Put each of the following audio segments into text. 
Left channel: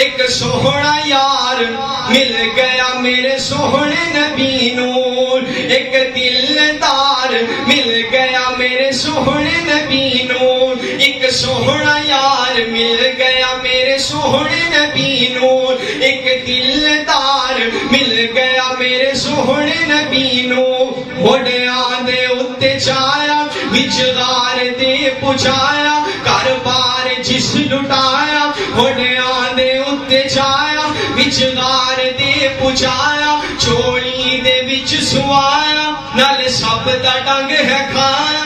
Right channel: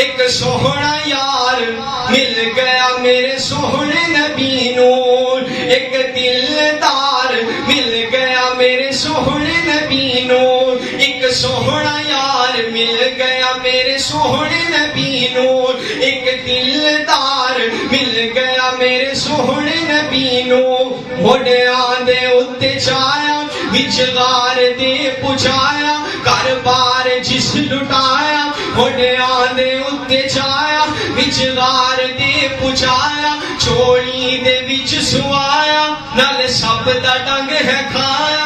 ایک سوہنا یار مل گیا میرے سوہنے نبی نور، ایک دلدار مل گیا میرے سوہنے نبی نور، ایک سوہنا یار مل گیا میرے سوہنے نبی نور، ایک دلدار مل گیا میرے سوہنے نبی نور۔ موڈیاں دے اُتے چایا وچ غار دے پچایا، گھر بار جس لٹایا، موڈیاں دے اُتے چایا وچ غار دے پچایا، چولی دے وچ سوایا، نال سب دا ڈنگ ہے کھایا۔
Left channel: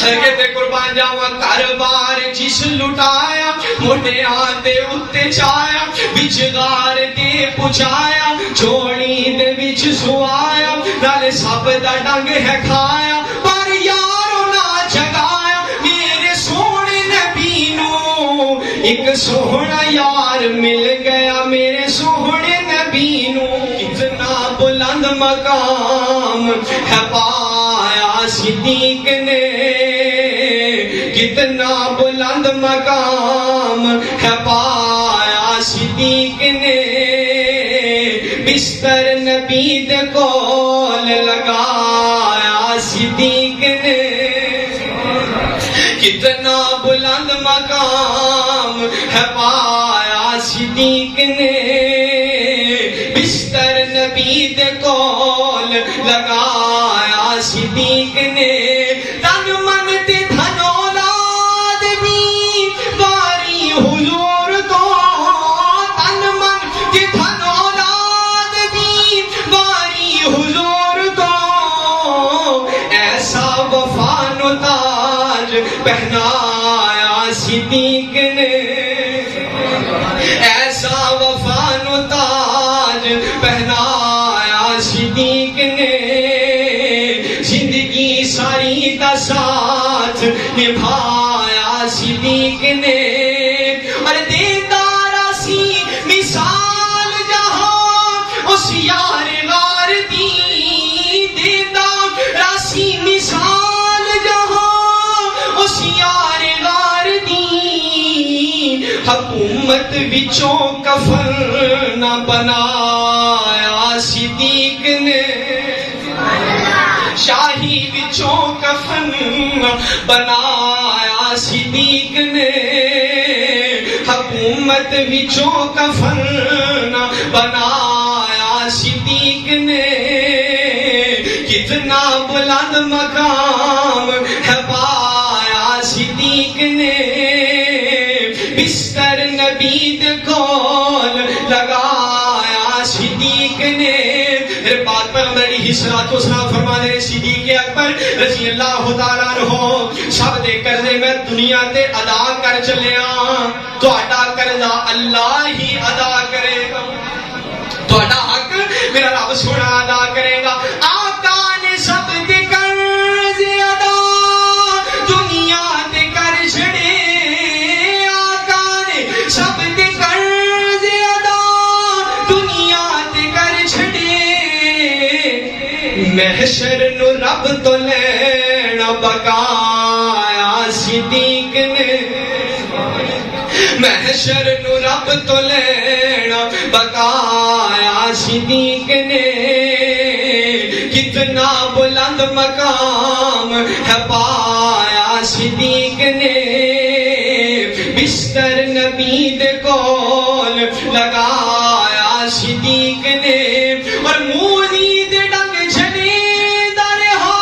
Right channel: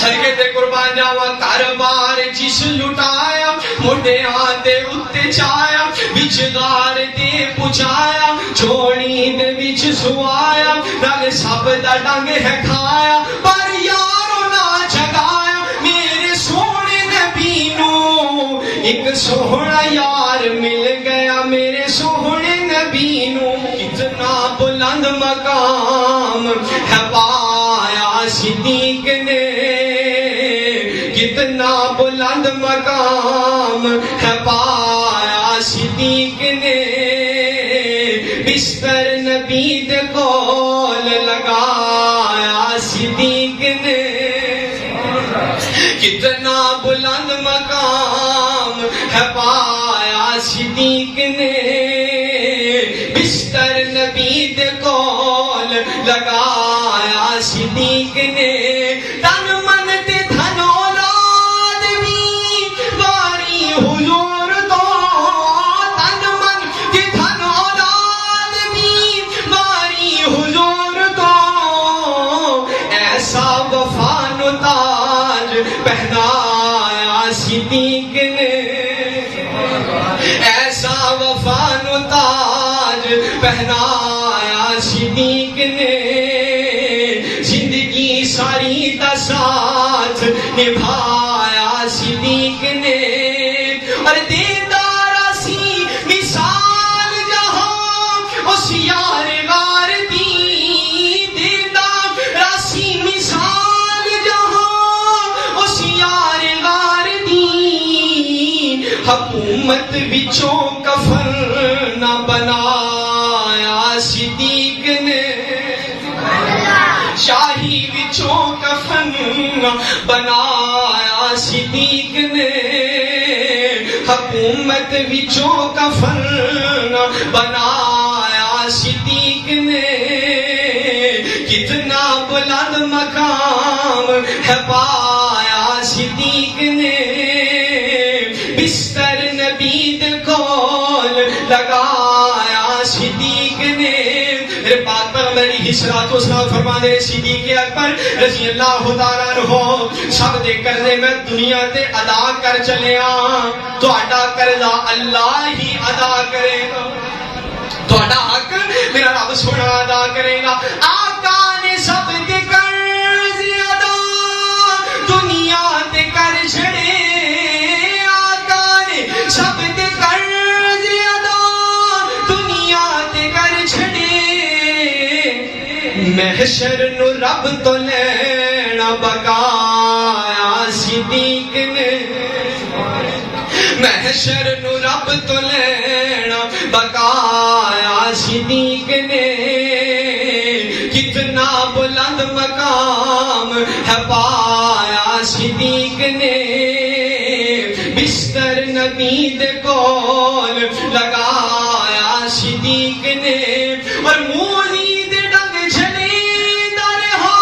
سرگے تے قربان جاواں گھر بار جس لٹایا، موڈیاں دے اُتے چایا وچ غار دے پچایا، چولی دے وچ سوایا، نال سب دا ڈنگ ہے کھایا، پر یارو نہ جگایا میرے سونے نبی نو، ایک سوہنا یار مل گیا میرے سوہنے نبی نو۔ اتنا بلند مقام ہے پایا صدیق نے، کتنا بلند مقام ہے پایا صدیق نے، بستر نبی دے کول لگایا صدیق نے، کتنا بلند مقام ہے پایا صدیق نے، بستر نبی دے کول لگایا صدیق نے، تن من تے دھن اولاد بھی واری حضور تو، تن من تے دھن اولاد بھی واری حضور تو، ایسا وفا نو تاج پہنایا صدیق نے، ایسا وفا نو تاج پہنایا صدیق نے، زندگی ساری دا ساتھ نبھایا صدیق نے، اور دیدارا سی مثال جہاں اس یار غار دی، دیدارا سی مثال جہاں اس یار غار دی، حکومت وچوں کفن نہ بنایا صدیق نے، شاہی وچوں کفن نہ بنایا صدیق نے، حکومت وچوں کفن نہ بنایا صدیق نے، کتنا بلند مقام ہے پایا صدیق نے، بستر نبی دے کول لگایا صدیق نے۔ میرے پاک پیغمبر علیہ الصلوۃ والسلام فرماتے ہیں صدیق اکبر رضی اللہ تعالیٰ عنہ سب دے کرنے میں دنیا تے ادا کر چلیا، تہاڈا قرضہ اللہ ہی ادا کرے گا، تہاڈا حق میرا رب سونا ادا کرے گا۔ آقا نے سب دے قرض ادا دنیا تے کر چھڑے، آقا نے سب دے قرض ادا دنیا تے کر چھڑے، محشر نو رب تو لینا بقایا صدیق نے، محشر نو رب تو لینا بقایا صدیق نے، کتنا بلند مقام ہے پایا صدیق نے، بستر نبی دے کول لگایا صدیق نے، اور مولی دے ڈنگ جھلے درہا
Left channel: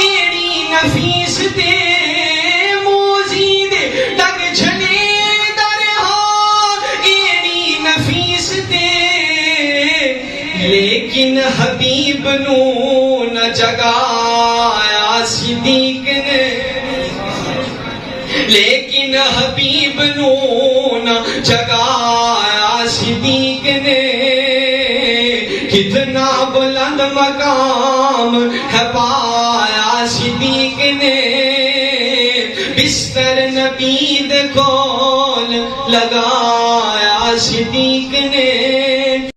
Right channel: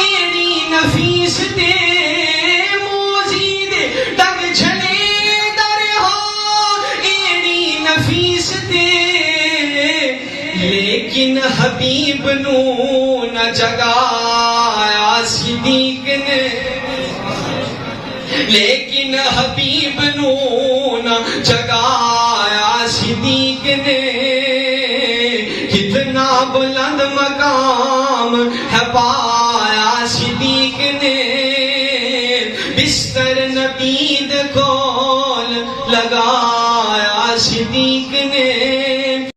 ایڑی نفیس دے، موزی دے ڈنگ جھلے درہا ایڑی نفیس دے، لیکن حبیب نو نہ جگایا صدیق نے، لیکن حبیب نو نہ جگایا صدیق نے، کتنا بلند مقام ہے پایا صدیق نے، بستر نبی دے کول لگایا صدیق نے۔